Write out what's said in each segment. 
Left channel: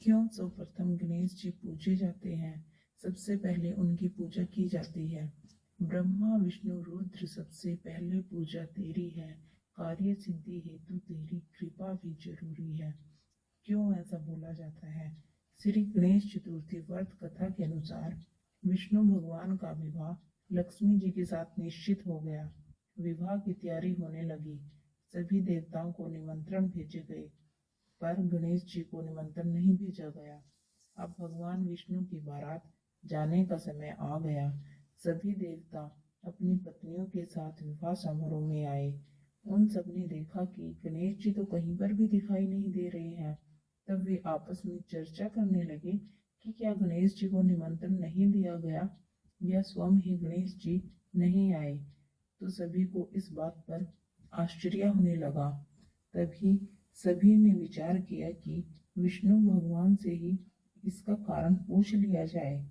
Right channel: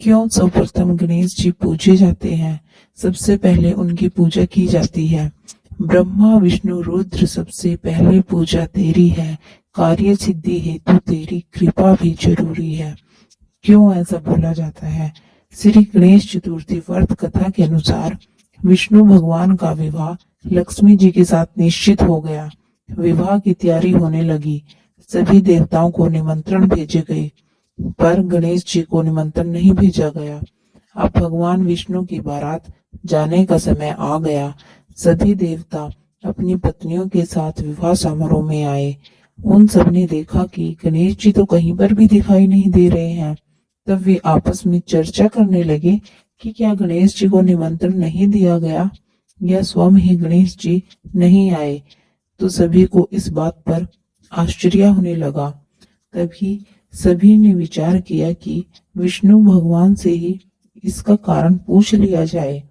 क्यों सर्वप्रथम गणेश जी पूजे जाते हैं? सबसे पहले उनकी पूजा की जाती है। ब्रह्मा विष्णु रुद्र सबसे पहले पूजा तेरी है, कार्य सिद्धि हेतु तेरी कृपा भी जरूरी है। क्यों ऐसा बोला जाता है? श्री गणेश चतुर्थी व्रत कथा के अनुसार विष्णु भगवान का विवाह लक्ष्मी जी के साथ निश्चित हो गया। विवाह की तैयारी होने लगी। सभी देवताओं को निमंत्रण भेजे गए, पर गणेश जी को निमंत्रण नहीं भेजा गया। अब भगवान विष्णु की बारात जाने का समय आ गया। सभी देवता अपनी पत्नियों के साथ विवाह समारोह में आए। उन सब ने देखा कि गणेश जी तो कहीं पर भी दिखाई नहीं दे रहे हैं। तब वे आपस में चर्चा करने लगे कि क्या गणेश जी को निमंत्रण नहीं दिया गया या स्वयं ही गणेश जी नहीं आए। तो सभी को इस बात पर आश्चर्य होने लगा। तभी सभी ने विचार किया कि विष्णु भगवान से ही इसका कारण पूछ लिया जाए।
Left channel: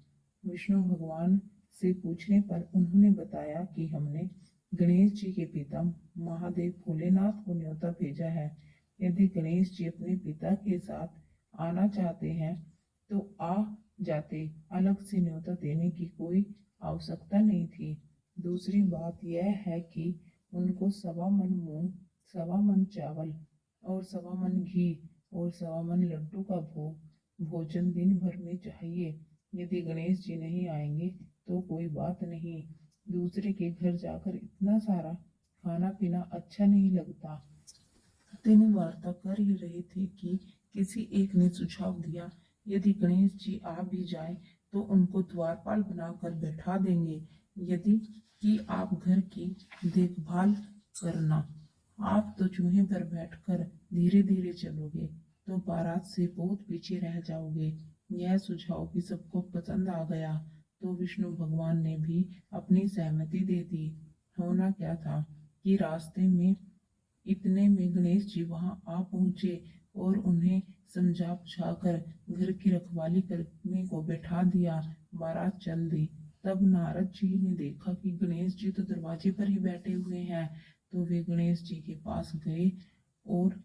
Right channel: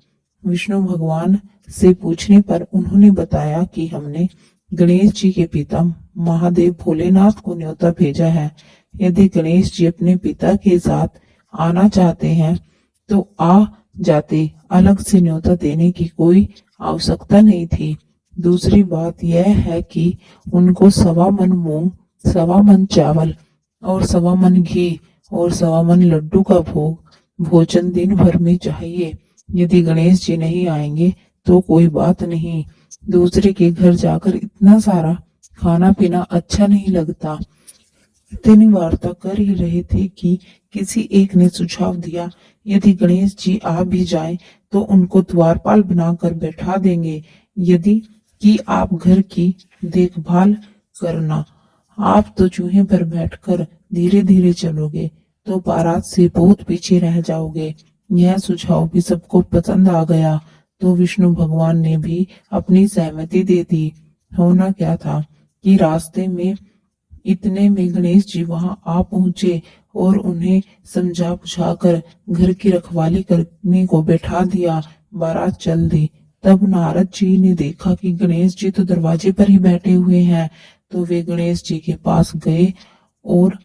विष्णु भगवान से पूछने पर उन्होंने बताया कि हमने गणेश जी के पिता महादेव भोलेनाथ को न्योता भेजा है। यदि गणेश जी अपने पिता के साथ आना चाहते हैं तो आ जाते, अलग से न्योता देने की कोई आवश्यकता नहीं थी। दूसरी बात यह है कि उनको 1.25 मन मूंग, 1.25 मन चावल और 1.25 मन घी और 1.25 मन लड्डू का भोजन दिन भर में चाहिए। यदि गणेश जी नहीं आएंगे तो कोई बात नहीं, दूसरे के घर जाकर इतना सारा खाना पीना अच्छा नहीं लगता। इतनी वार्ता कर ही रहे थे कि किसी एक ने सुझाव दिया, यदि गणेश जी आ भी जाएं तो उनको द्वारपाल बनाकर बैठा देंगे। यदि कि आप घर की देखभाल करना, आप तो चूहे पर बैठकर धीरे धीरे चलोगे तो बारात से बहुत पीछे रह जाओगे। यह सुझाव भी सबको पसंद आ गया तो विष्णु भगवान ने भी अपनी सहमति दे दी। होना क्या था कि रास्ते में इतने में गणेश जी वहां आ पहुंचे और उन्हें समझा बुझाकर घर की रखवाली करने को बैठा दिया। बारात चल दी। तब नारद जी ने देखा कि गणेश जी तो दरवाजे पर ही बैठे हुए हैं, तो वे गणेश जी के पास गए और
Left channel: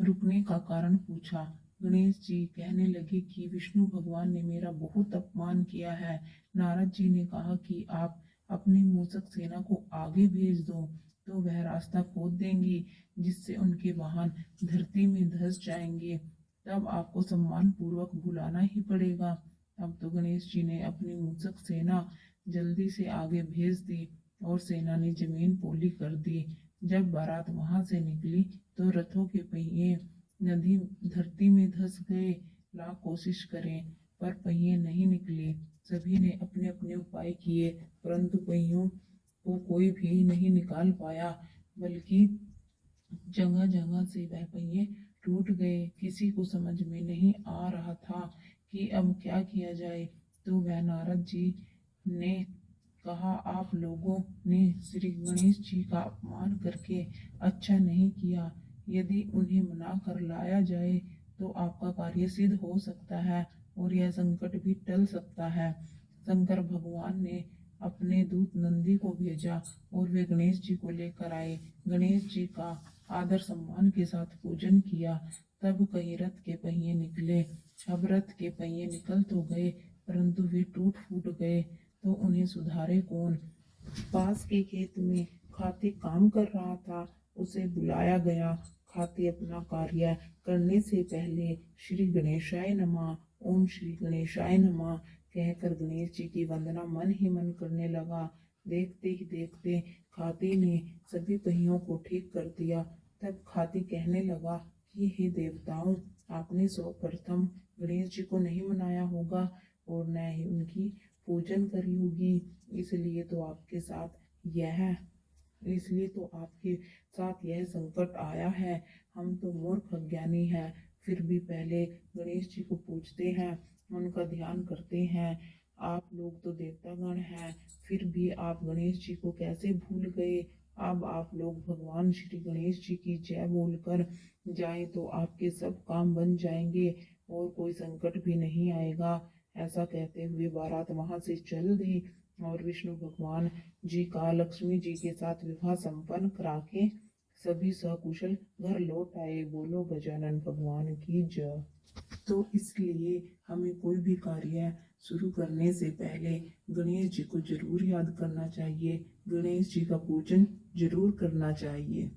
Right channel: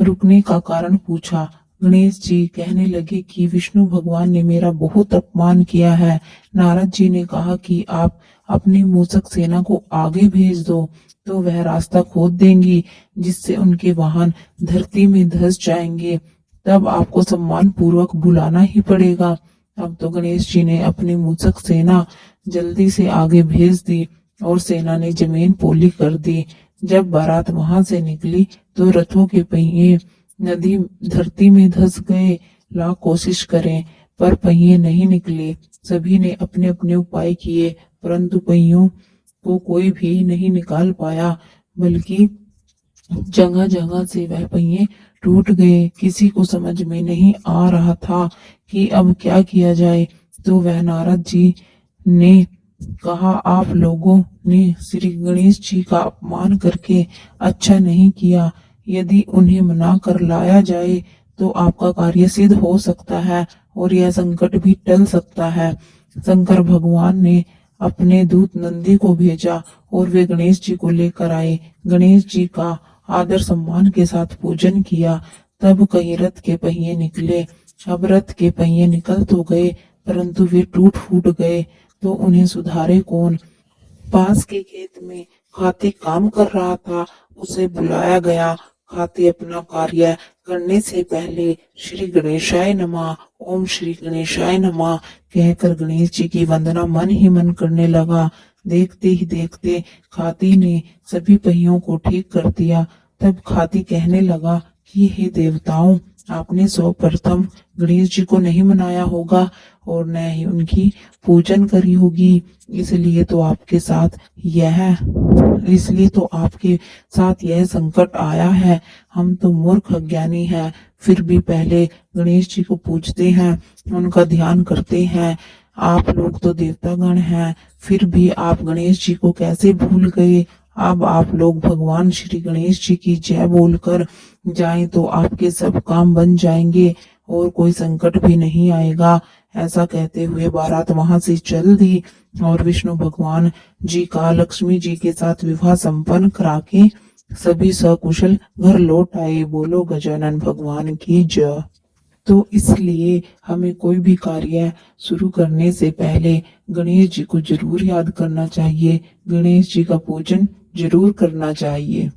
रुकने का कारण पूछा। गणेश जी कहने लगे कि विष्णु भगवान ने मेरा बहुत अपमान किया है। नारद जी ने कहा कि आप अपनी मूषक सेना को आगे भेज दो तो वह रास्ता खोद देंगी, जिससे उनके वाहन धरती में धंस जाएंगे। तब आपको सम्मान पूर्वक बुलाना ही पड़ेगा। अब तो गणेश जी ने अपनी मूषक सेना जल्दी से आगे भेज दी और सेना ने जमीन पोली कर दी। जब बारात वहां से निकली तो रथों के पहिए नदी धरती में धंस गए। लाख कोशिश करें पर पहिए नहीं निकले। सभी ने अपने अपने उपाय किए, परंतु पहियों को कोई भी नहीं निकाल पाया, बल्कि जगह जगह से वह पहिए टूट गए। किसी को समझ में नहीं आ रहा था कि अब क्या किया जाए। तो वह नारद जी ने कहा, आप लोगों ने श्री गणेश जी का अपमान करके अच्छा नहीं किया। यदि उन्हें मना कर लाया जाए तो आपका कार्य सिद्ध हो सकता है और यह संकट भी टल सकता है। शंकर भगवान ने अपने दूत नंदी को भेजा और वे गणेश जी को लेकर आए। गणेश जी का आदर सम्मान के साथ पूजन किया। तब कहीं रथ के पहिए निकले। अब रथ के पहिए निकल तो गए, परंतु वे टूट फूट गए तो उन्हें सुधारे कौन। पास के खेत में हाथी काम कर रहा था, उसे बुलाया गया। हाथी अपना कार्य करने से पहले श्री गणेशाय नमः, ओम श्री गणेशाय नमः कहकर गणेश जी की वंदना मन ही मन करने लगा। देखते ही देखते हाथी ने सभी पहियों को ठीक कर दिया। तब हाथी कहने लगा कि हे देवताओं, आपने सर्वप्रथम गणेश जी को नहीं मनाया होगा और न ही उनकी पूजन करी होगी, इसलिए तो आपके साथ यह संकट आया है। हम तो मूर्ख अज्ञानी हैं, फिर भी पहले गणेश जी को पूजते हैं, उनका ध्यान करते हैं। आप लोग तो देवतागण हैं, फिर भी आप गणेश जी को कैसे भूल गए। अब आप लोग भगवान श्री गणेश जी की जय बोलकर जाएं तो आपके सब काम बन जाएंगे और कोई संकट भी नहीं आएगा। ऐसा कहते हुए बारात वहां से चल दी और विष्णु भगवान जी का लक्ष्मी जी के साथ विवाह संपन्न करा के सभी सकुशल घर लौट आए। बोलो गजानन भगवान की जय। तो इसलिए हमें कोई भी कार्य शुरू करने से पहले गणेश जी को जरूर याद करना चाहिए, गणेश जी का पूजन जरूर करना चाहिए।